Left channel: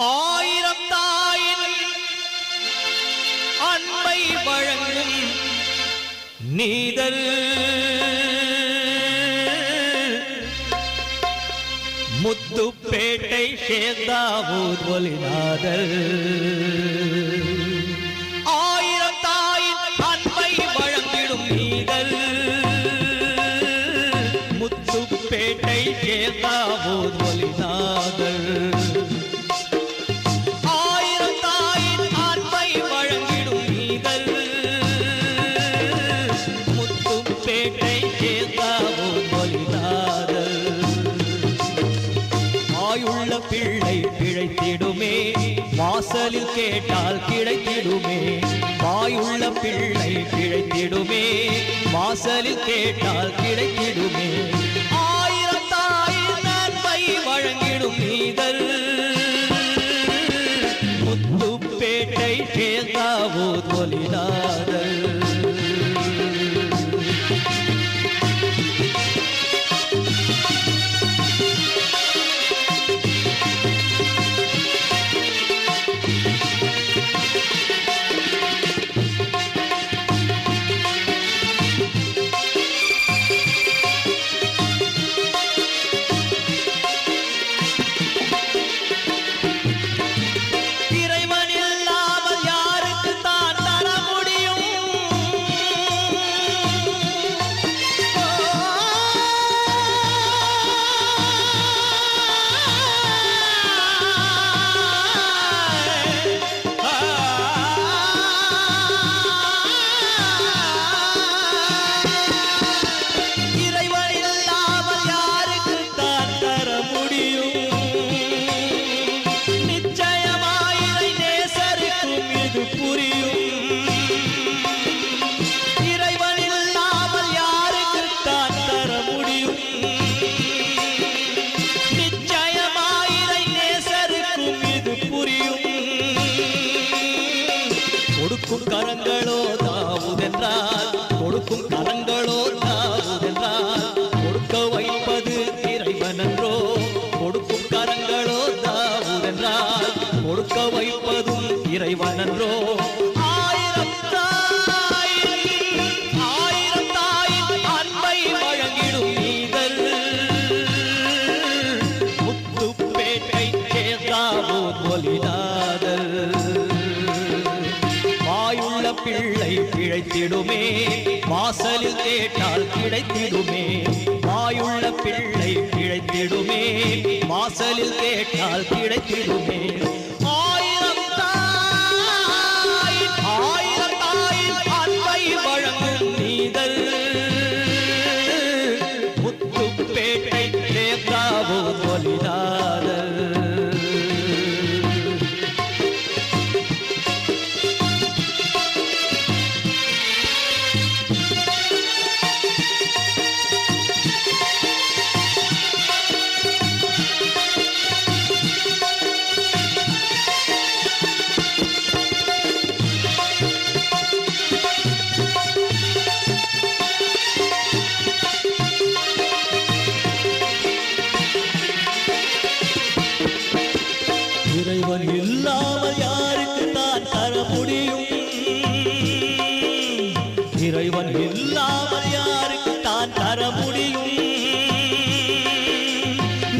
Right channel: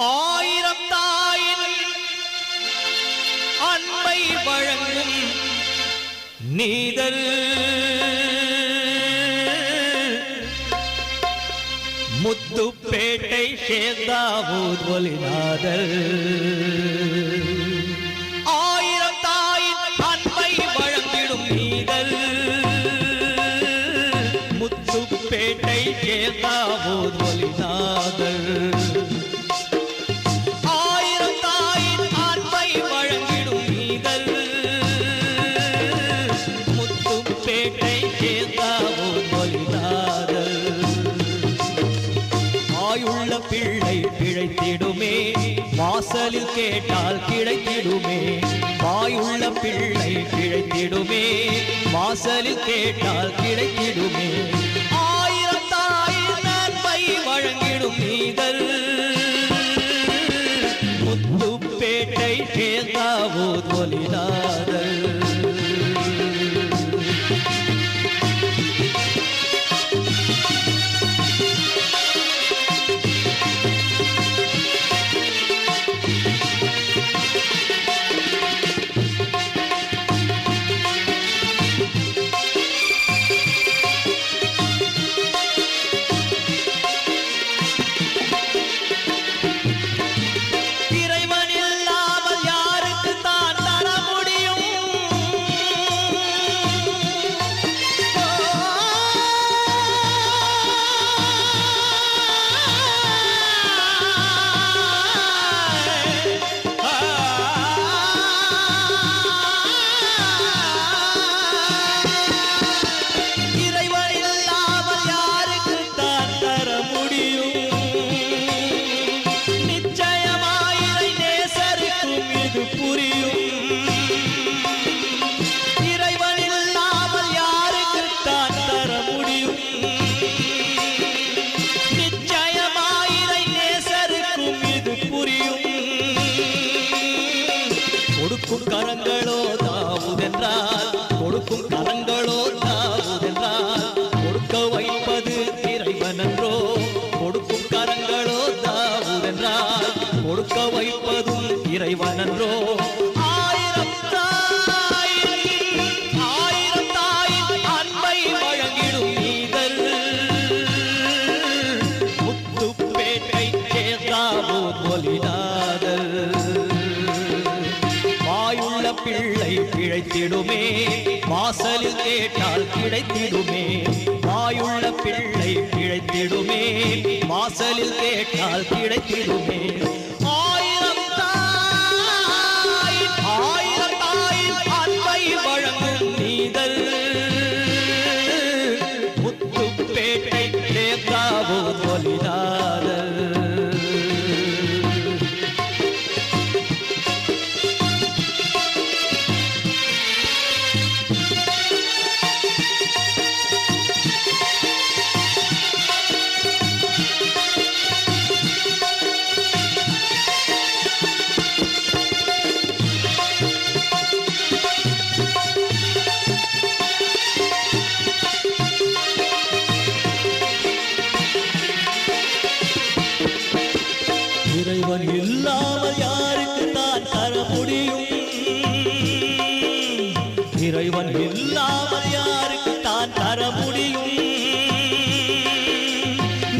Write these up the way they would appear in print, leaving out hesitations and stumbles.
ஆயிரம் தாயின் அன்பை வழங்கும் நீதல் முத்துப்பேட்டை சேந்தாவூர் ஒலிநாதல் ஆயிரம் தாயின் அன்பை வழங்கிடும் நீதல் முத்துப்பேட்டை சேந்தாவூர் ஒலிநாதல் பிள்ளை பிழைத்திடுமே வாசலில் கேட்டால் கிடைத்திடுமே வாயுள்ள பிள்ளை பிழைத்திடுமே வாசலில் கேட்டால் கிடைத்திடுமே ஆயிரம் தாயின் நன்மை வழங்கிடும் நீதல் முத்துப்பேட்டை சேந்தாவூர் ஒலிநாதல் கொடுக்கும் கரங்களோ தாவுதென்றால் கொடுக்கும் கரங்களோ தாவுதென்றால் கொடுக்க வைப்பது இறைவனன்றோ கொடுக்கும் கரங்களோ தாவுதென்றால் கொடுக்க வைப்பதும் இறைவனன்றோ ஆயிரம் தாயின் அன்பை வழங்கிடும் நீதல் முத்துப்பேட்டை சேந்தாவூர் ஒலிநாதல் வாயுள்ள பிள்ளை பிழைத்திடுமே வாசலில் கேட்டால் கிடைத்திடுமே வாயுள்ள பிள்ளை பிழைத்திடுமே வாசலில் கேட்டால் கிடைத்திடுமே ஆயிரம் தாயின் அன்பை வழங்கும் நீதல் முத்துப்பேட்டை சேந்தாவூர் ஒலிநாதல் இறைவன் இல்லாமல் யாருக்கு தான் தர முடியும் இறைவன் இல்லாமல் யாருக்கு தான் தர முடியும்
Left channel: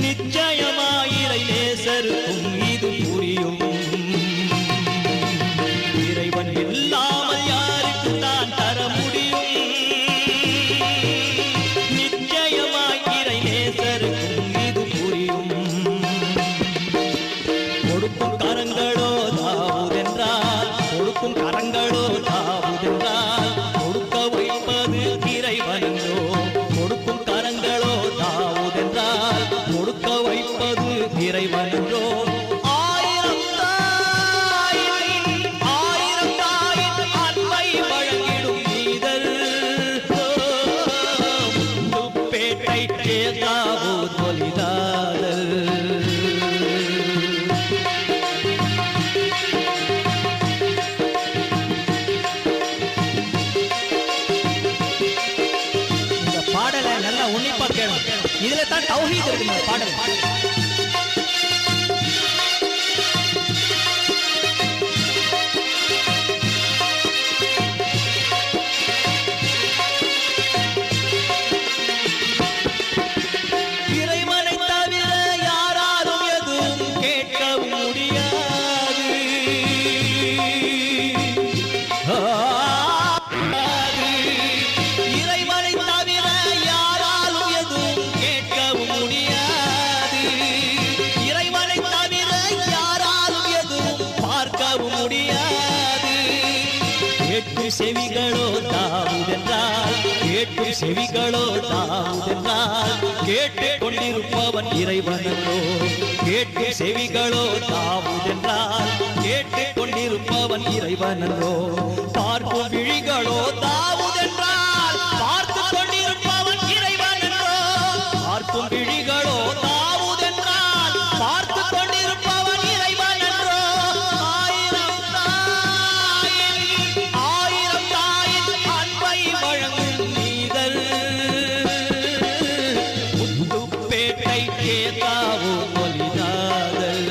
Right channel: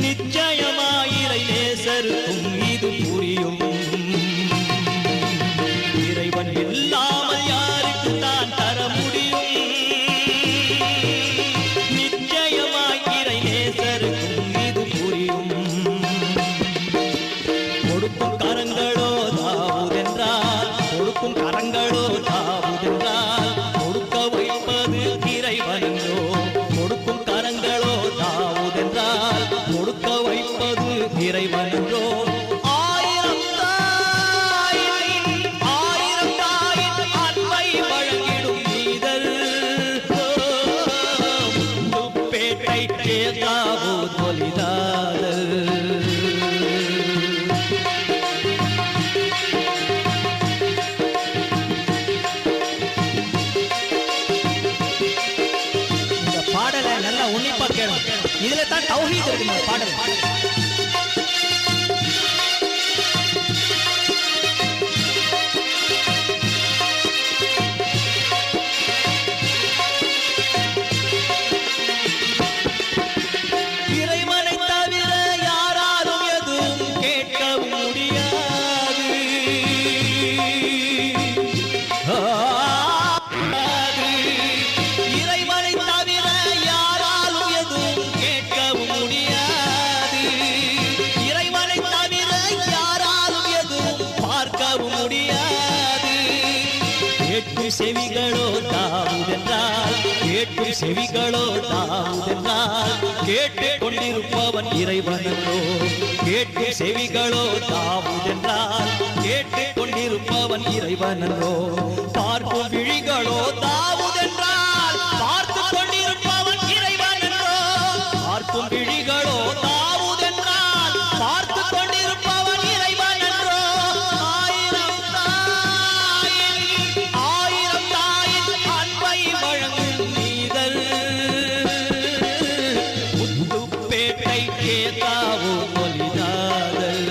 நிச்சயமாயிரை நேசருக்கும் இது புரியும் இறைவன் இல்லாமல் யாருக்கு தான் தர முடியும் நிச்சயமாயிரை நேசருக்கும் இது புரியும் கொடுக்கும் கரங்களோ தாவுதென்றால் கொடுக்கும் கரங்களோ தாவுதென்றால் கொடுக்க வைப்பது கேட்கும் செவிகளோ தாவுதென்றால் கேட்கும் செவிகளோ தாவுதென்றால் கேட்டுக் கொண்டிருப்பவன் இறைவனோ கேட்கும் செவிகளோ தாவுதென்றால் கேட்டுக் கொண்டிருப்பவன் இறைவனோ பார்க்கும் விழிகளோ தாவுதென்றால் பார்த்து கொண்டிருப்பவன் இறைவனோ பார்க்கும் விழிகளோ தாவுதென்றால் பார்த்து கொண்டிருப்பவன் இறைவனோ ஆயிரம் தாயின் அன்பை வழங்கும் நீதல் முத்துப்பேட்டை கேதாவோ மொழியாதல்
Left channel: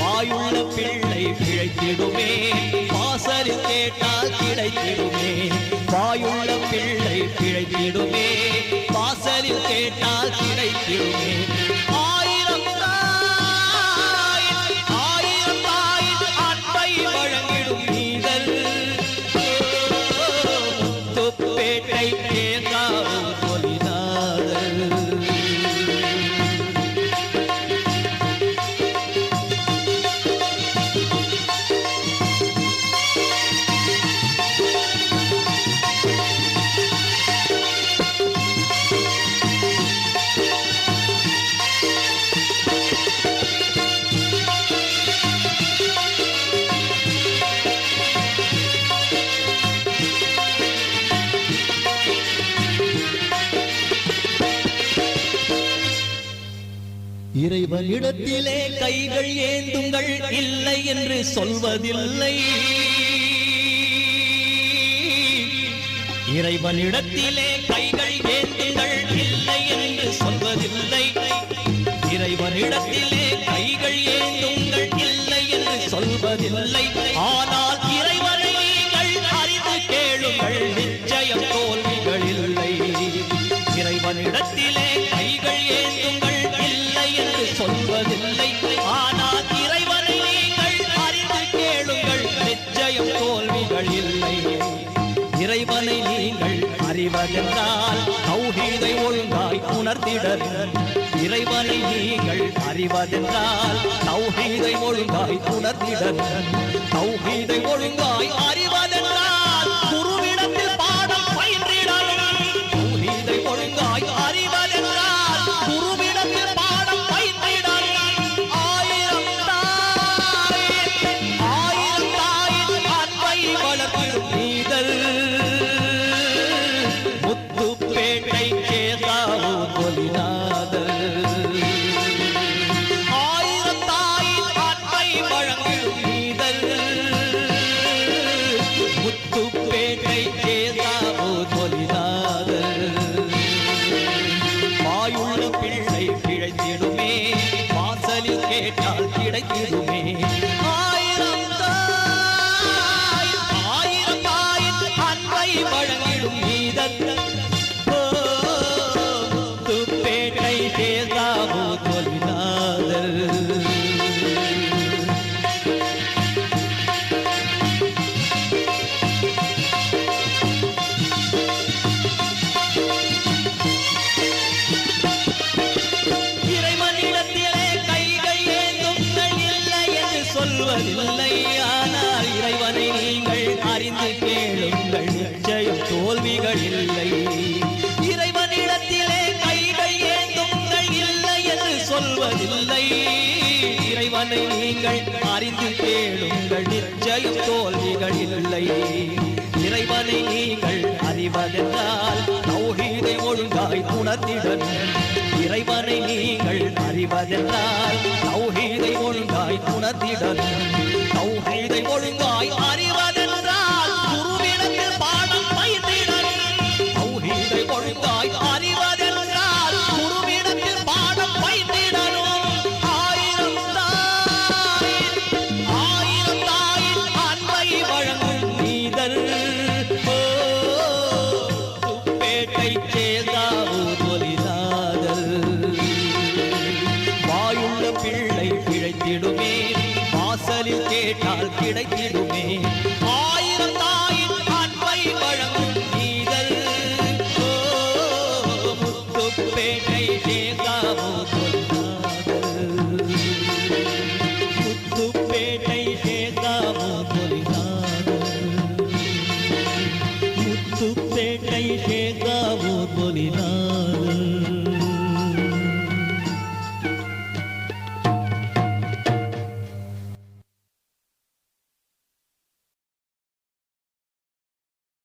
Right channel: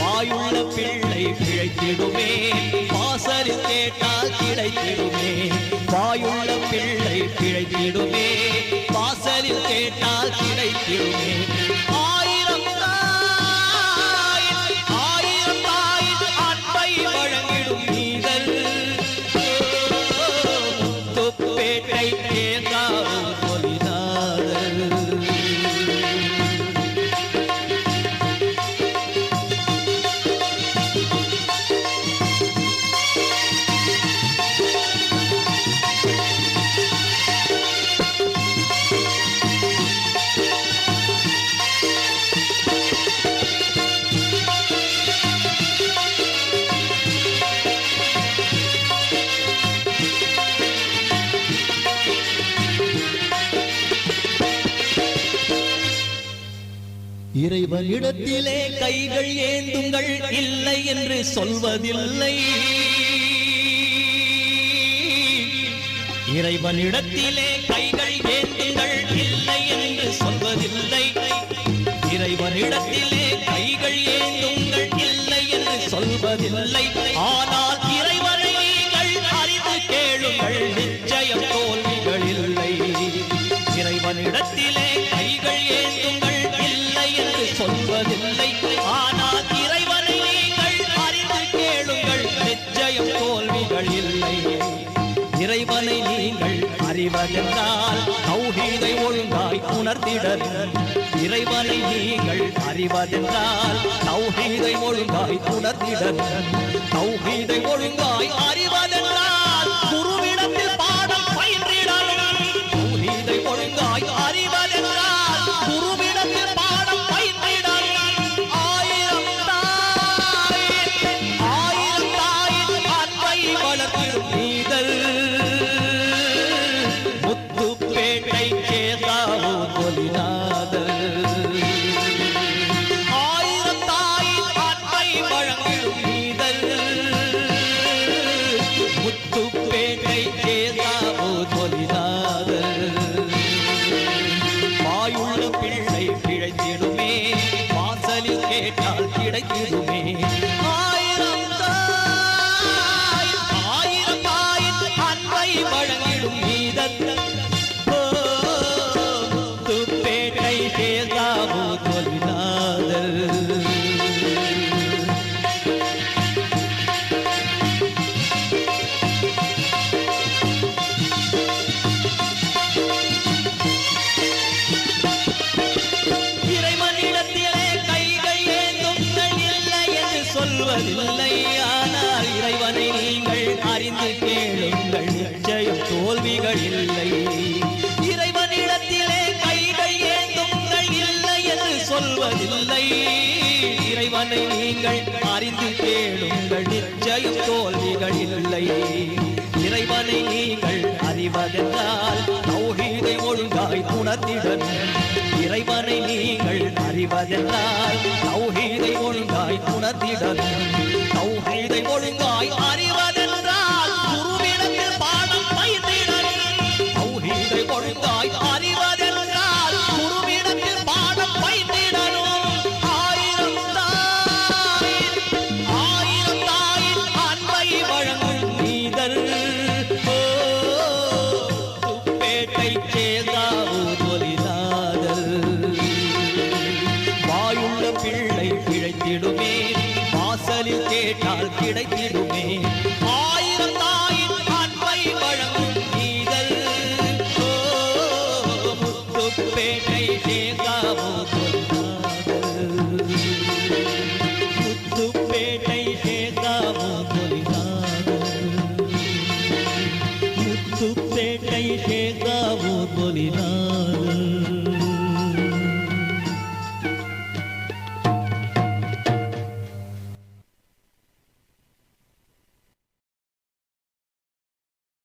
வாயுள்ள பிள்ளை பிழைத்திடுமே வாசலில் கேட்டால் கிடைத்திடுமே வாயுள்ள பிள்ளை பிழைத்திடுமே வாசலில் கேட்டால் கிடைத்திடுமே ஆயிரம் தாய் அன்பை வழங்கிடும் நீங்கள் முத்துப்பேட்டை கேதாவோ மொழியாதல் இறைவனிடத்திலே கைகள் ஏந்துங்கள் இல்லை என்று சொல்வதில்லை இறைவனிடத்திலே கைகள் ஏந்துங்கள் இல்லை என்று சொல்வதில்லை இறைவனிடத்திலே கைகள் ஏந்துங்கள் இல்லை என்று சொல்வதில்லை ஆனால் இறைவனை நீங்கள் அறிந்து கேளுங்கள் நிச்சயம் தோல்விகள் இல்லை இறைவனிடத்திலே கைகள் ஏந்துங்கள் சொல்வதில்லை ஆனால் இறைவனை நீங்கள் அறிந்து கேளுங்கள் நிச்சயம் தோல்விகள் இல்லை இறைவனை நீங்கள் அறிவதென்றால் தௌஹீதை ஒழுங்காய் உணர்த்திடல் இறைவனை நீங்கள் அறிவதென்றால் தௌஹீதை ஒழுங்காய் உணர்த்திடல் தௌஹீதை ஒழுங்காய் அறிவதென்றால் குருவிடத்தில் பாடம் பயின்றிடல் தௌஹீதை ஒழுங்காய் அறிவதென்றால் குருவிடத்தில் பாடம் முத்துப்பேட்டை கேதாவோ மொழியாதல் ஆயிரம் தாய் அன்பை வழங்கும் நீதல் முத்துப்பேட்டை கேதாவோ மொழியாதல் வாயுள்ள பிள்ளை பிழைத்திடுமே வாசலில் கேட்டால் கிடைத்திடுமே ஆயிரம் தாய் வழங்கிடும் நீதல் முத்துப்பேட்டை கேதாவோ மொழியாதல் இறைவனிடத்திலே கைகள் ஏந்துங்கள் இல்லை என்று சொல்வதில்லை ஆனால் இறைவனை நீங்கள் அறிந்து கேளுங்கள் நிச்சயம் தோல்விகள் இல்லை இறைவனிடத்திலே கைகள் ஏந்துங்கள் இல்லை என்று சொல்வதில்லை இறைவனை நீங்கள் அறிந்து கேளுங்கள் நிச்சயம் தோல்விகள் இல்லை இறைவனை நீங்கள் அறிவதென்றால் தௌஹீதை ஒழுங்காய் உணர்த்திடல் இறைவனை நீங்கள் அறிவதென்றால் தௌஹீதை ஒழுங்காய் உணர்த்திடல்